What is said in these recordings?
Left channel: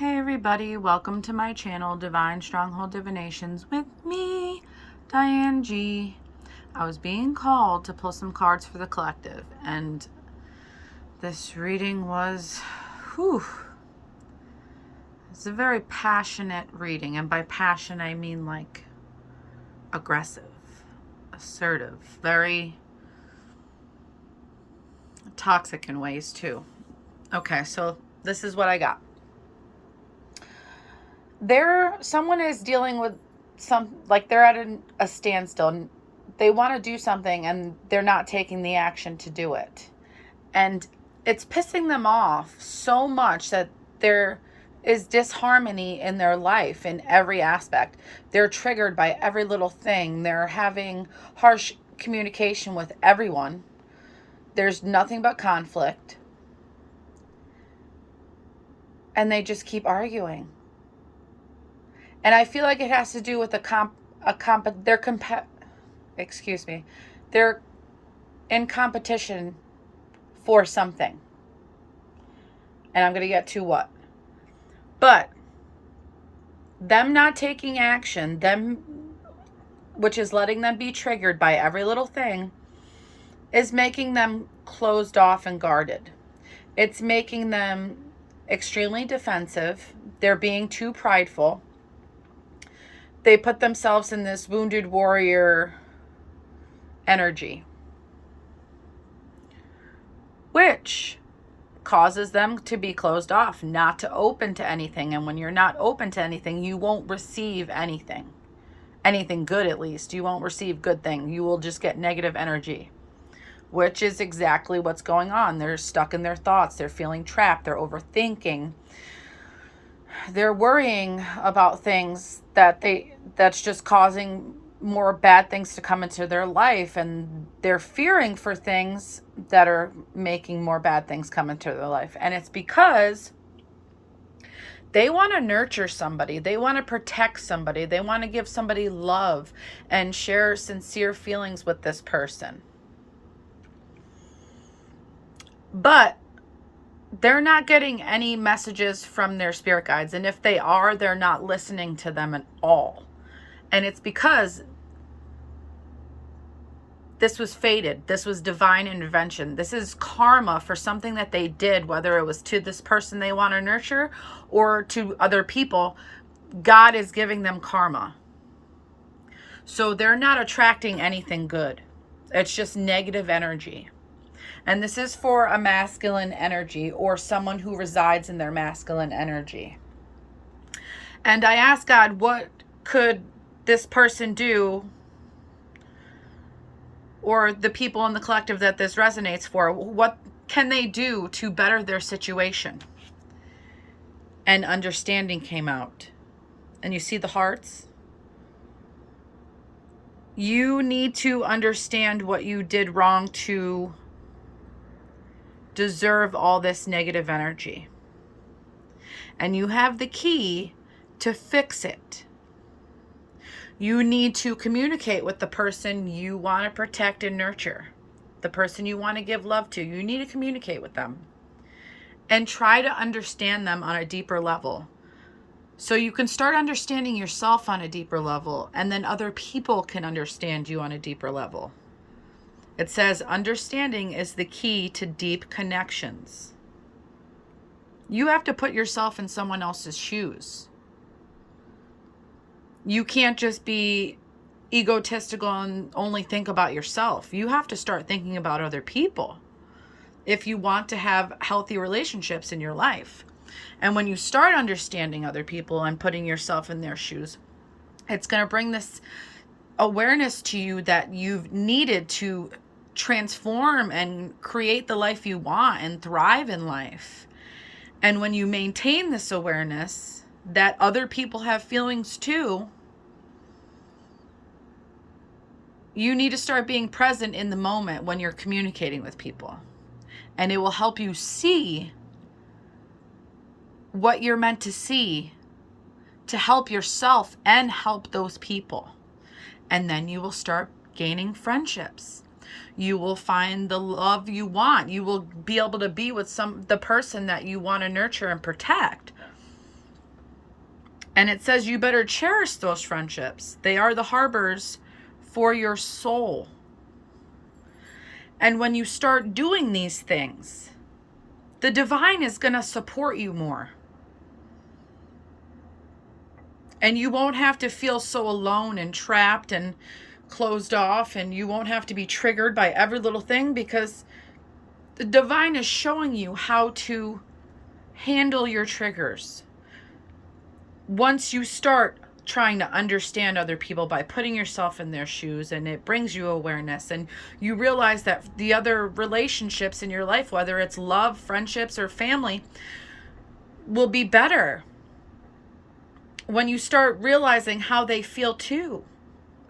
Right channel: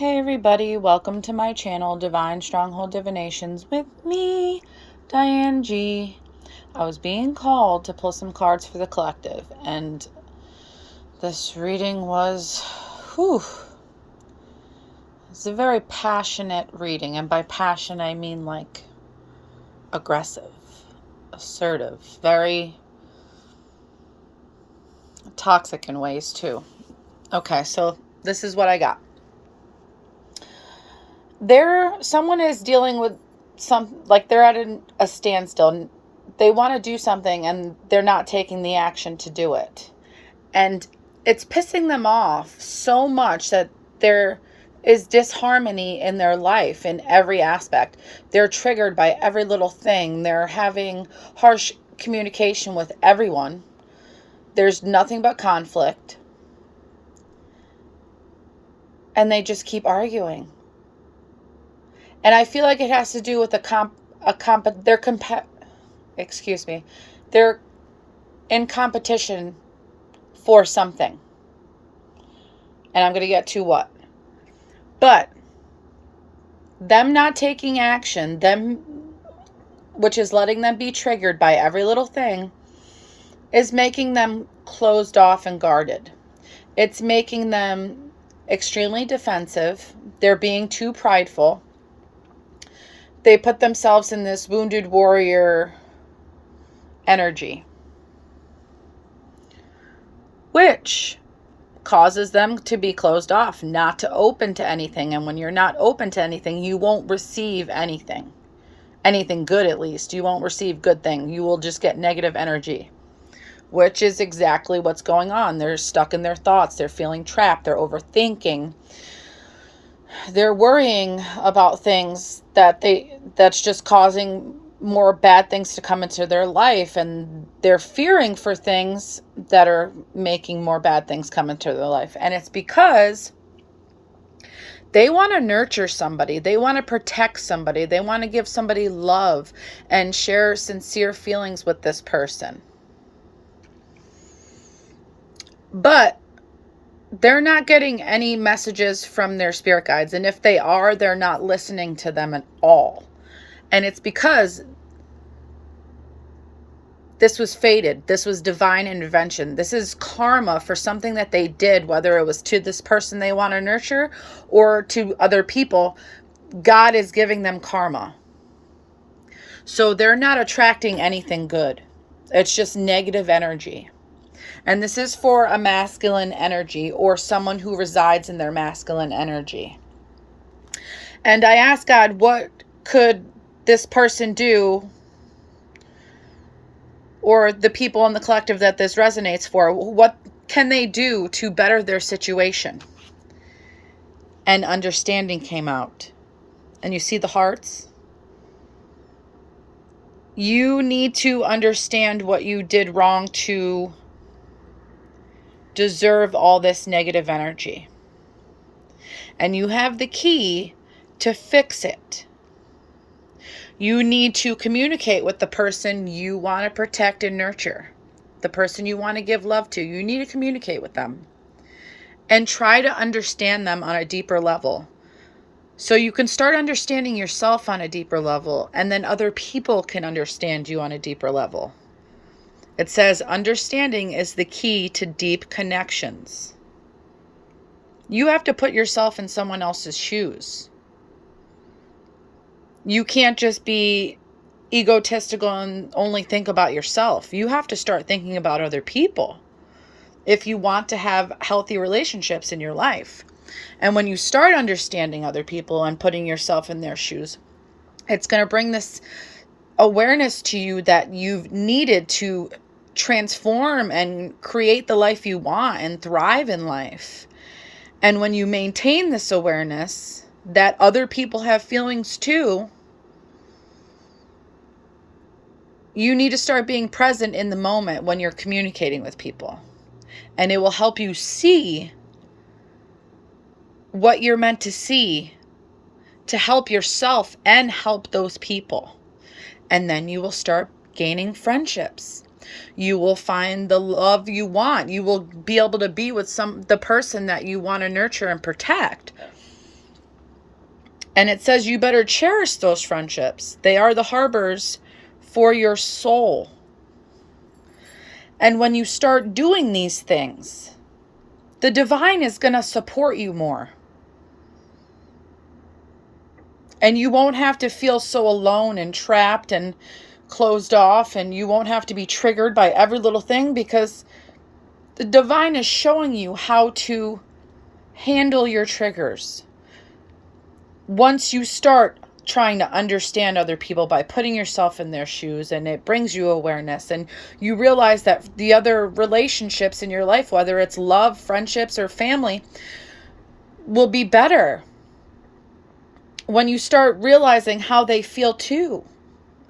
Hey everybody, welcome to my channel, Divine Stronghold Divinations with me, Diane G. I was being called to pull some cards for the collective, and this reading was, it's a very passionate reading, and by passion I mean like aggressive, assertive, very toxic in ways too. Okay, so this is what I got. Someone is dealing with they're at a standstill. They want to do something and they're not taking the action to do it. And it's pissing them off so much that there is disharmony in their life in every aspect. They're triggered by every little thing. They're having harsh communication with everyone. There's nothing but conflict. And they just keep arguing. And I feel like it has to do with they're in competition for something. And I'm going to get to what. But them not taking action, which is letting them be triggered by every little thing, is making them closed off and guarded. It's making them extremely defensive. They're being too prideful. They put themselves in this wounded warrior energy, which causes them to be closed off, not to open to anything. And when you're not open to anything, you won't receive anything good at least. You won't receive good thing. You will just get negative energy, which is exactly what's going on. They're stuck in their thoughts. They're feeling trapped. They're overthinking. They're worrying about things that's just causing more bad things to come into their life, and they're fearing for things that are making more bad things come into their life. And it's because they want to nurture somebody. They want to protect somebody. They want to give somebody love and share sincere feelings with this person. But they're not getting any messages from their spirit guides. And if they are, they're not listening to them at all. And it's because this was fated. This was divine intervention. This is karma for something that they did, whether it was to this person they want to nurture or to other people. God is giving them karma. So they're not attracting anything good. It's just negative energy. And this is for a masculine energy or someone who resides in their masculine energy. And I asked God, what could this person do, or the people in the collective that this resonates for? What can they do to better their situation? And understanding came out. And you see the hearts? You need to understand what you did wrong to deserve all this negative energy. And you have the key to fix it. You need to communicate with the person you want to protect and nurture, the person you want to give love to. You need to communicate with them and try to understand them on a deeper level. So you can start understanding yourself on a deeper level, and then other people can understand you on a deeper level. It says understanding is the key to deep connections. You have to put yourself in someone else's shoes. You can't just be egotistical and only think about yourself. You have to start thinking about other people if you want to have healthy relationships in your life. And when you start understanding other people and putting yourself in their shoes, it's going to bring this awareness to you that you've needed to transform and create the life you want and thrive in life. And when you maintain this awareness that other people have feelings too, you need to start being present in the moment when you're communicating with people. And it will help you see what you're meant to see to help yourself and help those people. And then you will start gaining friendships. You will find the love you want. You will be able to be with the person that you want to nurture and protect. And it says you better cherish those friendships. They are the harbors for your soul. And when you start doing these things, the divine is going to support you more. And you won't have to feel so alone and trapped and closed off, and you won't have to be triggered by every little thing, because the divine is showing you how to handle your triggers. Once you start trying to understand other people by putting yourself in their shoes, and it brings you awareness, and you realize that the other relationships in your life, whether it's love, friendships, or family, will be better when you start realizing how they feel too.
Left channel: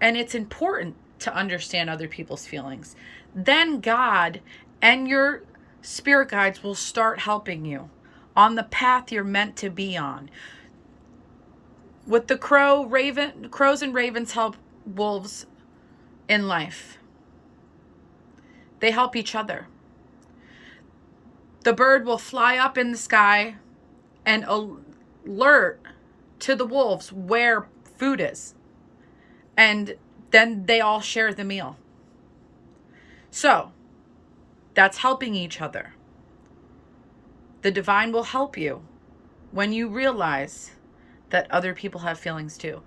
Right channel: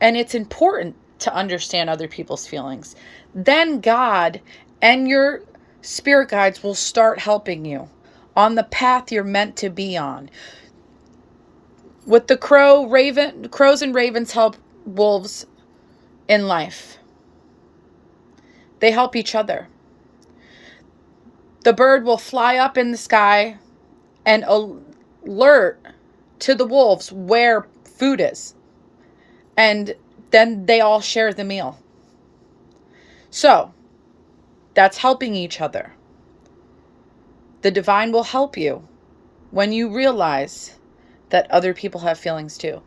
And it's important to understand other people's feelings. Then God and your spirit guides will start helping you on the path you're meant to be on. With the crows and ravens help wolves in life. They help each other. The bird will fly up in the sky and alert to the wolves where food is. And then they all share the meal. So, that's helping each other. The divine will help you when you realize that other people have feelings too.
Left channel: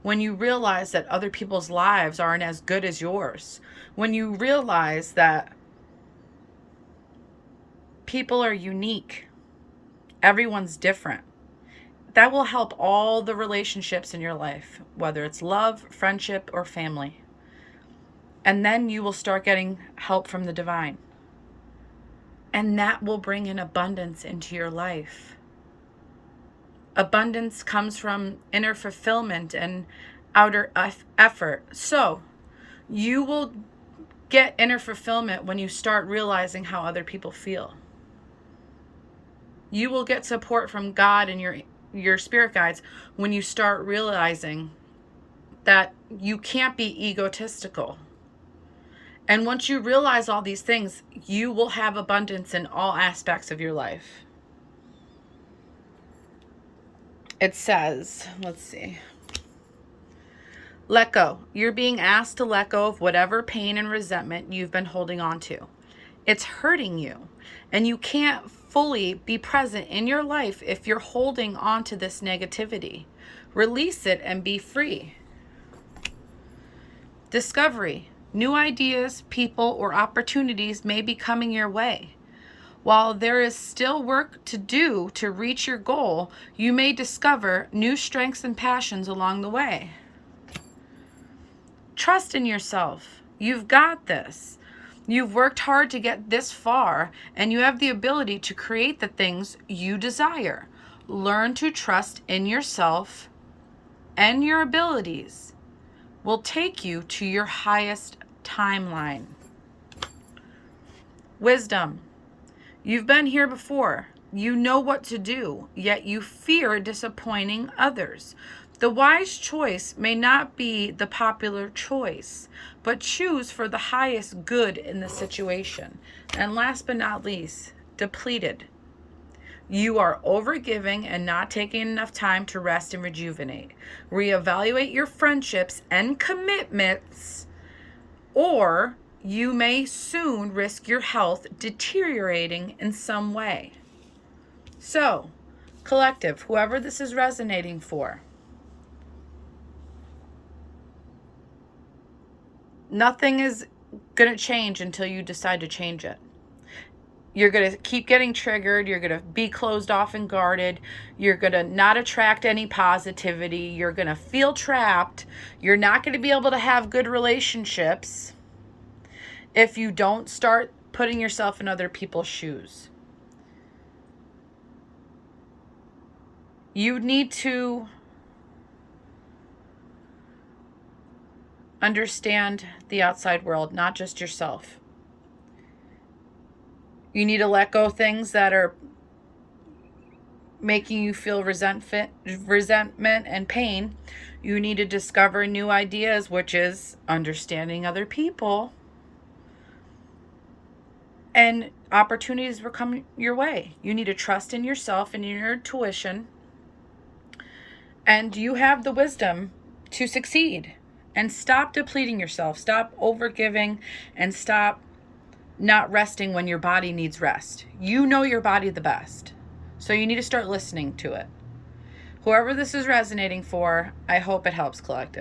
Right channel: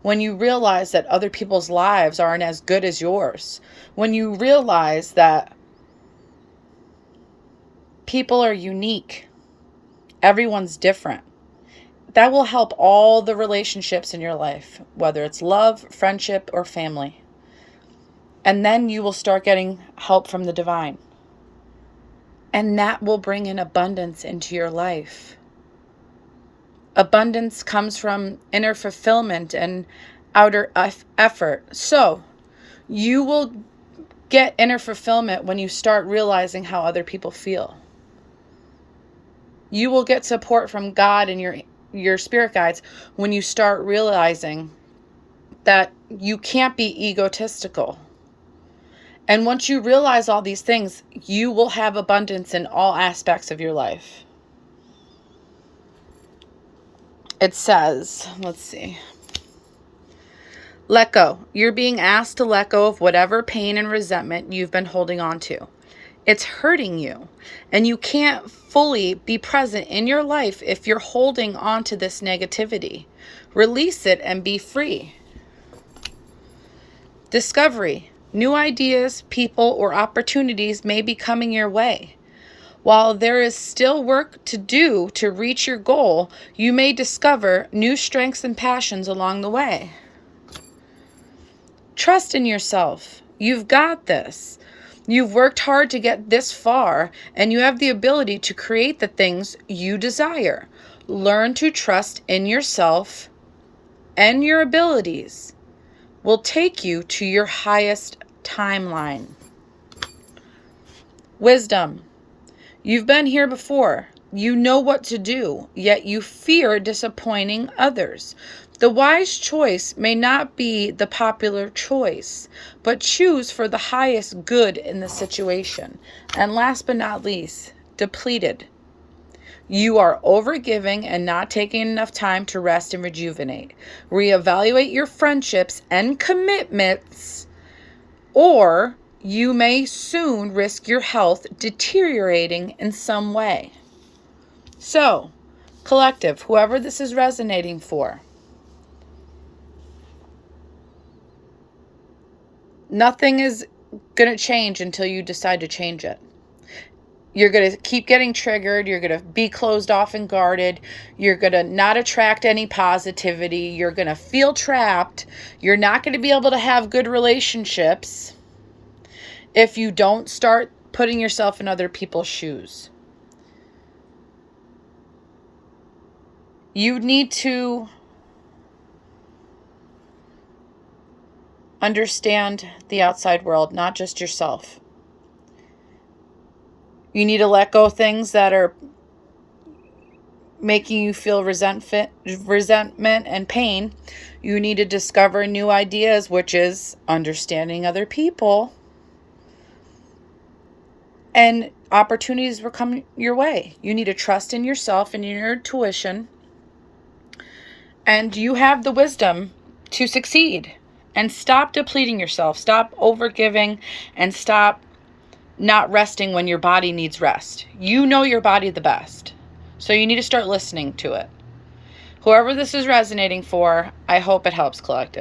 When you realize that other people's lives aren't as good as yours. When you realize that people are unique. Everyone's different. That will help all the relationships in your life, whether it's love, friendship, or family. And then you will start getting help from the divine. And that will bring in abundance into your life. Abundance comes from inner fulfillment and outer effort. So you will get inner fulfillment when you start realizing how other people feel. You will get support from God and your spirit guides when you start realizing that you can't be egotistical. And once you realize all these things, you will have abundance in all aspects of your life. It says, let's see. Let go. You're being asked to let go of whatever pain and resentment you've been holding on to. It's hurting you, and you can't fully be present in your life if you're holding on to this negativity. Release it and be free. Discovery. New ideas, people, or opportunities may be coming your way. While there is still work to do to reach your goal, you may discover new strengths and passions along the way. Trust in yourself. You've got this. You've worked hard to get this far, and you have the ability to create the things you desire. Learn to trust in yourself, and your abilities will take you to your highest timeline. Wisdom. You've been here before. You know what to do, yet you fear disappointing others. The wise choice may not be the popular choice, but choose for the highest good in the situation. And last but not least, depleted. You are overgiving and not taking enough time to rest and rejuvenate. Reevaluate your friendships and commitments, or you may soon risk your health deteriorating in some way. So, collective, whoever this is resonating for, nothing is going to change until you decide to change it. You're going to keep getting triggered. You're going to be closed off and guarded. You're going to not attract any positivity. You're going to feel trapped. You're not going to be able to have good relationships if you don't start putting yourself in other people's shoes. You need to understand the outside world, not just yourself. You need to let go of things that are making you feel resentment and pain. You need to discover new ideas, which is understanding other people. And opportunities will come your way. You need to trust in yourself and in your intuition. And you have the wisdom to succeed. And stop depleting yourself. Stop overgiving and stop not resting when your body needs rest. You know your body the best. So you need to start listening to it. Whoever this is resonating for, I hope it helps, Collective.